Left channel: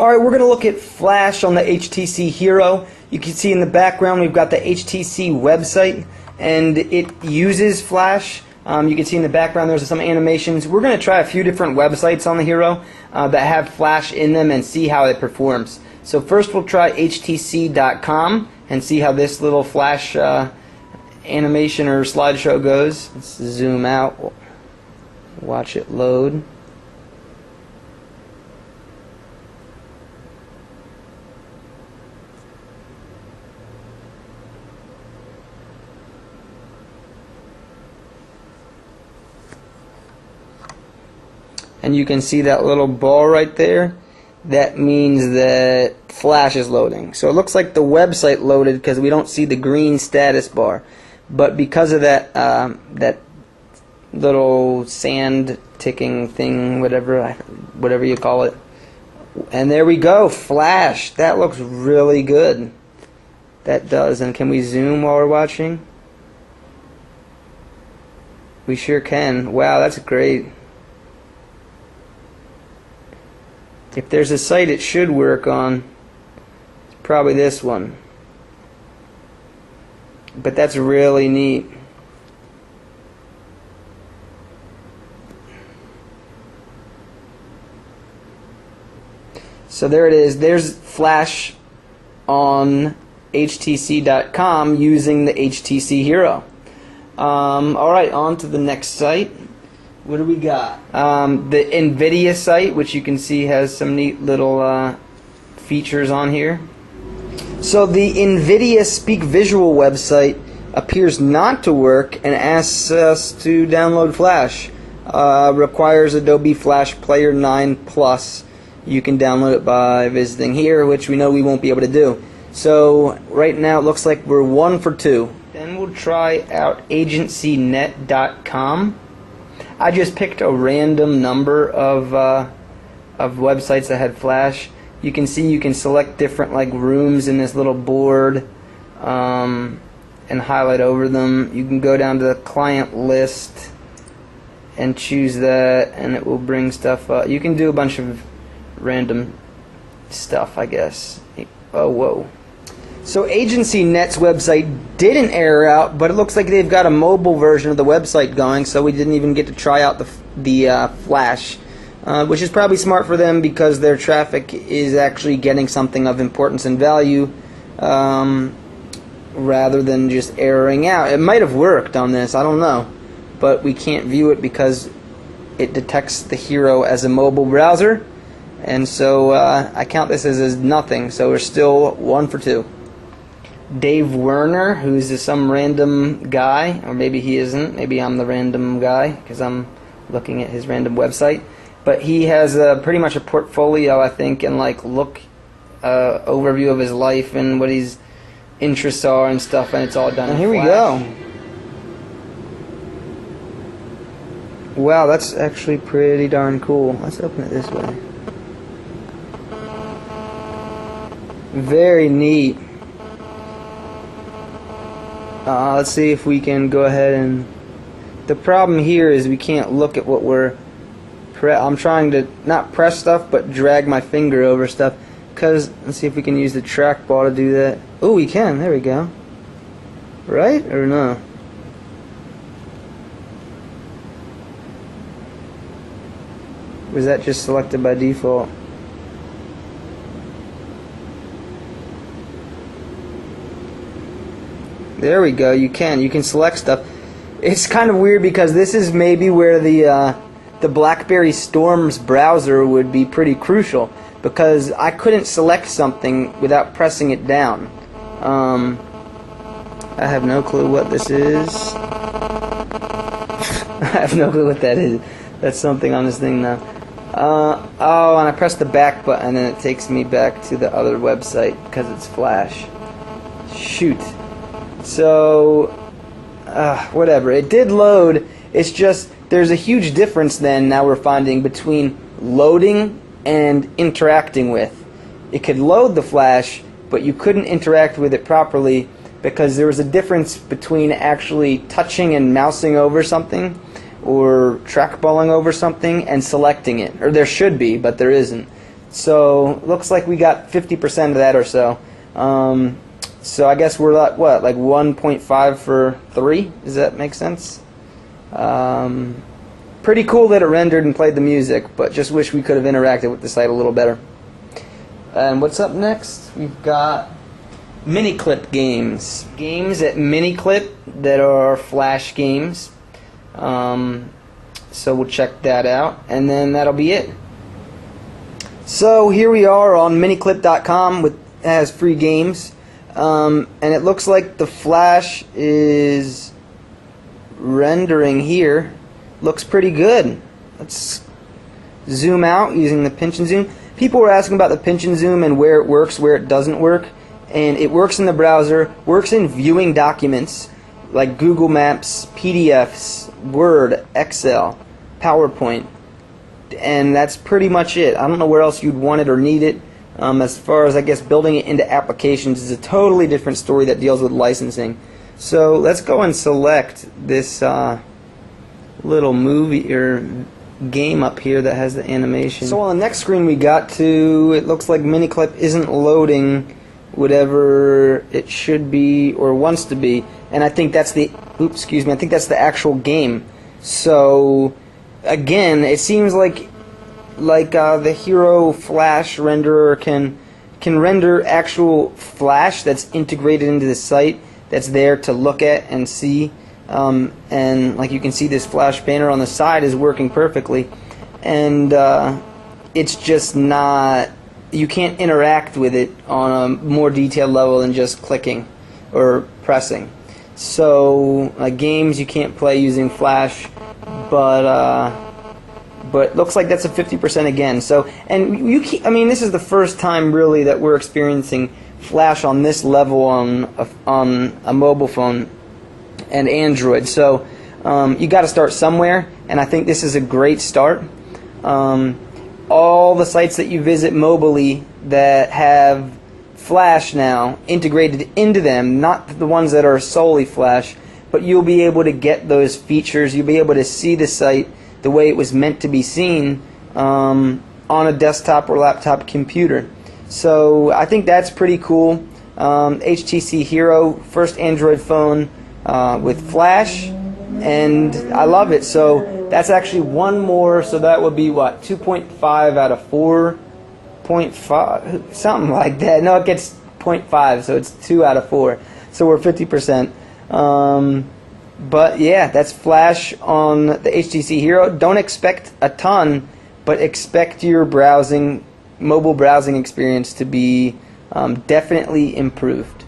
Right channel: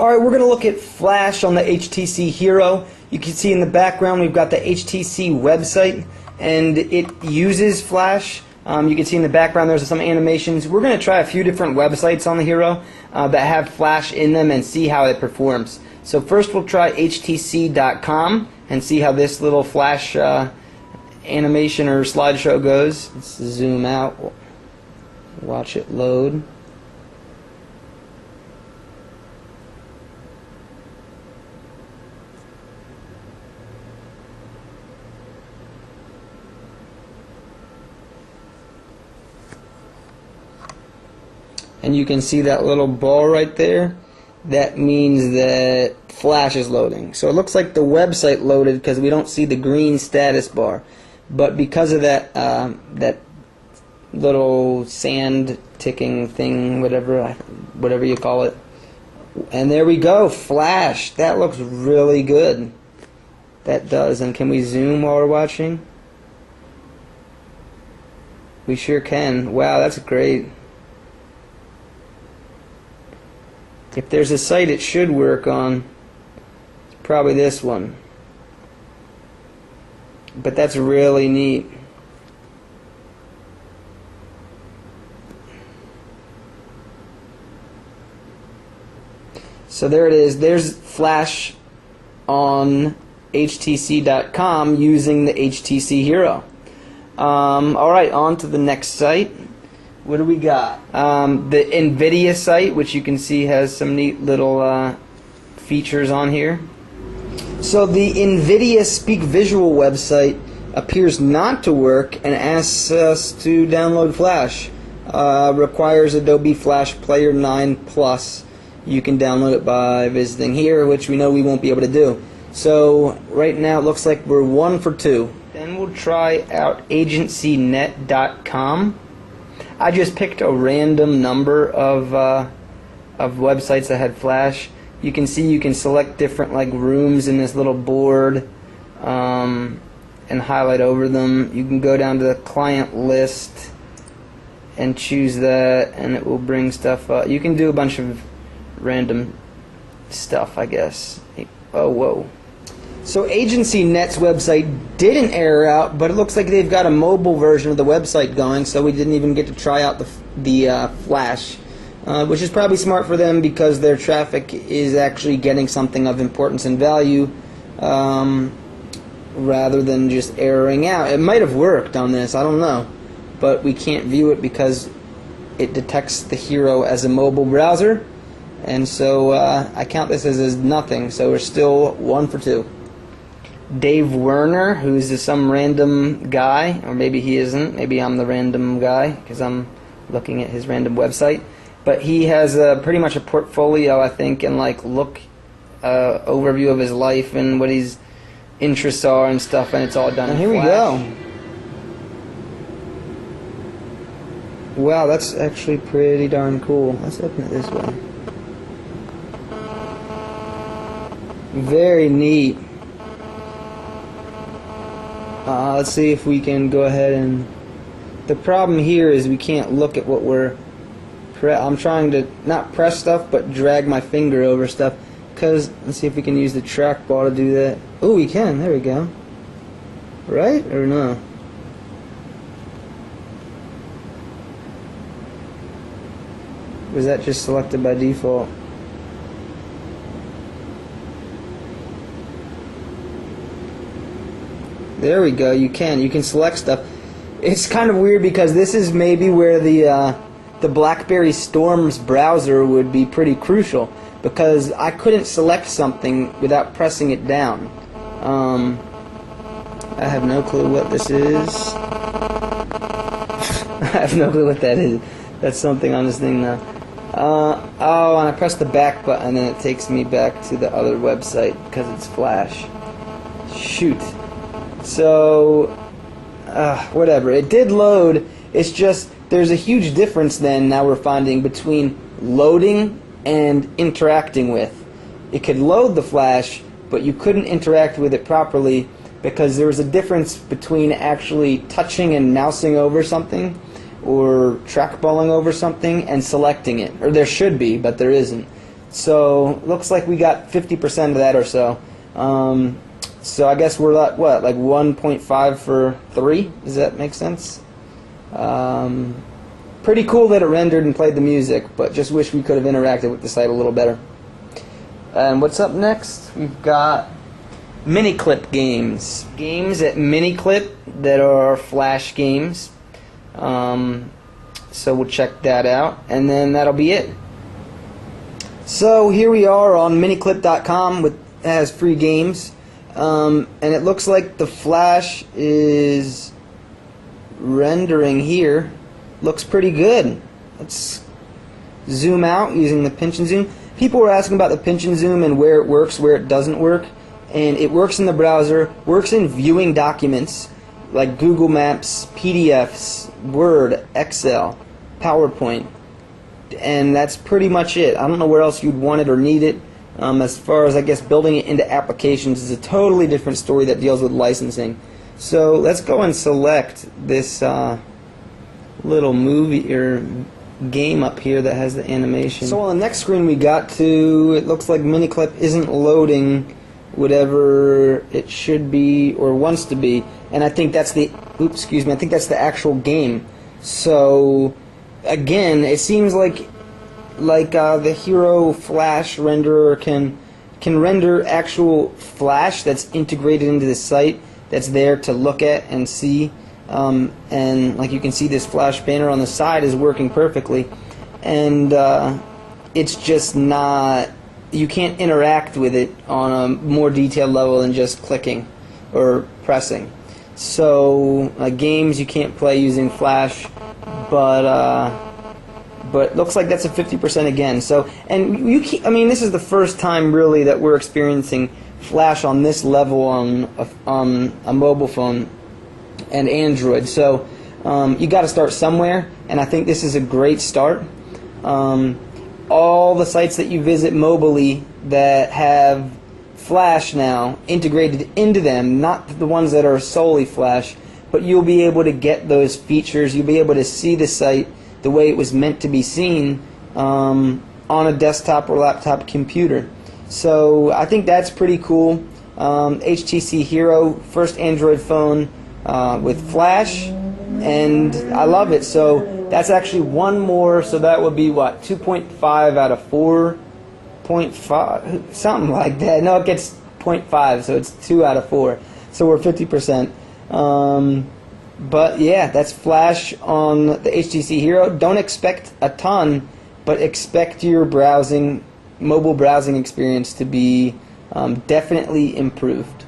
Alright, we're going to look at Flash on the HTC Hero. You can see in the background we've got the HTC website, and it uses Flash. You can see in the background there's some animations. We're going to try a few different websites on the Hero that have Flash in them and see how it performs. So first we'll try htc.com and see how this little Flash animation or slideshow goes. Let's zoom out, watch it load. And you can see that little ball right there. That means that Flash is loading. So it looks like the website loaded because we don't see the green status bar. But because of that that little sand ticking thing, whatever you call it. And there we go, Flash. That looks really good. That does. And can we zoom while we're watching? We sure can. Wow, that's great. If there's a site it should work on, it's probably this one. But that's really neat. So there it is. There's Flash on htc.com using the HTC Hero. Alright, on to the next site. What do we got? The NVIDIA site, which you can see has some neat little features on here. So the NVIDIA Speak Visual website appears not to work and asks us to download Flash. Requires Adobe Flash Player 9 Plus. You can download it by visiting here, which we know we won't be able to do. So right now it looks like we're 1 for 2. Then we'll try out agencynet.com. I just picked a random number of websites that had Flash. You can see you can select different rooms in this little board and highlight over them. You can go down to the client list and choose that, and it will bring stuff up. You can do a bunch of random stuff, I guess. Oh, whoa. So AgencyNet's website didn't error out, but it looks like they've got a mobile version of the website going, so we didn't even get to try out the Flash, which is probably smart for them because their traffic is actually getting something of importance and value rather than just erroring out. It might have worked on this, I don't know, but we can't view it because it detects the Hero as a mobile browser, and so I count this as nothing, so we're still 1 for 2. Dave Werner, who's some random guy, or maybe he isn't, maybe I'm the random guy because I'm looking at his random website, but he has pretty much a portfolio, I think, and overview of his life and what his interests are and stuff, and it's all done in Flash. And here we go. Wow, that's actually pretty darn cool. Let's open it this way. Very neat. Let's see if we can go ahead and... The problem here is we can't look at what we're... I'm trying to not press stuff, but drag my finger over stuff. Let's see if we can use the trackball to do that. Oh, we can. There we go. Right? Or no? Was that just selected by default? There we go. You can select stuff. It's kind of weird because this is maybe where the BlackBerry Storm's browser would be pretty crucial, because I couldn't select something without pressing it down. I have no clue what this is. I have no clue what that is. That's something on this thing now. Oh, and I press the back button and it takes me back to the other website because it's Flash. Shoot. So, whatever. It did load. It's just there's a huge difference then now we're finding between loading and interacting with. It could load the Flash, but you couldn't interact with it properly because there was a difference between actually touching and mousing over something or trackballing over something and selecting it. Or there should be, but there isn't. So looks like we got 50% of that or so. So I guess we're at what, like 1.5 for 3? Does that make sense? Pretty cool that it rendered and played the music, but just wish we could have interacted with the site a little better. And what's up next? We've got Miniclip games. Games at Miniclip that are Flash games. So we'll check that out, and then that'll be it. So here we are on miniclip.com, with has free games, and it looks like the Flash is rendering here. Looks pretty good. Let's zoom out using the pinch and zoom. People were asking about the pinch and zoom and where it works, where it doesn't work. And it works in the browser, works in viewing documents like Google Maps, PDFs, Word, Excel, PowerPoint. And that's pretty much it. I don't know where else you'd want it or need it. As far as, I guess, building it into applications is a totally different story that deals with licensing. So let's go and select this little movie or game up here that has the animation. So on the next screen we got to, it looks like Miniclip isn't loading whatever it should be or wants to be, and I think that's the I think that's the actual game. So again, it seems like the Hero Flash renderer can render actual Flash that's integrated into the site, that's there to look at and see. And like you can see, this Flash banner on the side is working perfectly, and it's just not, you can't interact with it on a more detailed level than just clicking or pressing. So games you can't play using Flash, but looks like that's a 50% again. So, and I mean, this is the first time really that we're experiencing Flash on this level on a mobile phone and Android. So you got to start somewhere, and I think this is a great start. All the sites that you visit mobily that have Flash now integrated into them, not the ones that are solely Flash, but you'll be able to get those features. You'll be able to see the site the way it was meant to be seen on a desktop or laptop computer. So I think that's pretty cool. HTC Hero, first Android phone with Flash, and I love it. So that's actually one more, so that would be what, 2.5 out of 4.5, something like that. No, it gets 0.5, so it's 2 out of 4. So we're 50%. But yeah, that's Flash on the HTC Hero. Don't expect a ton, but expect your mobile browsing experience to be definitely improved.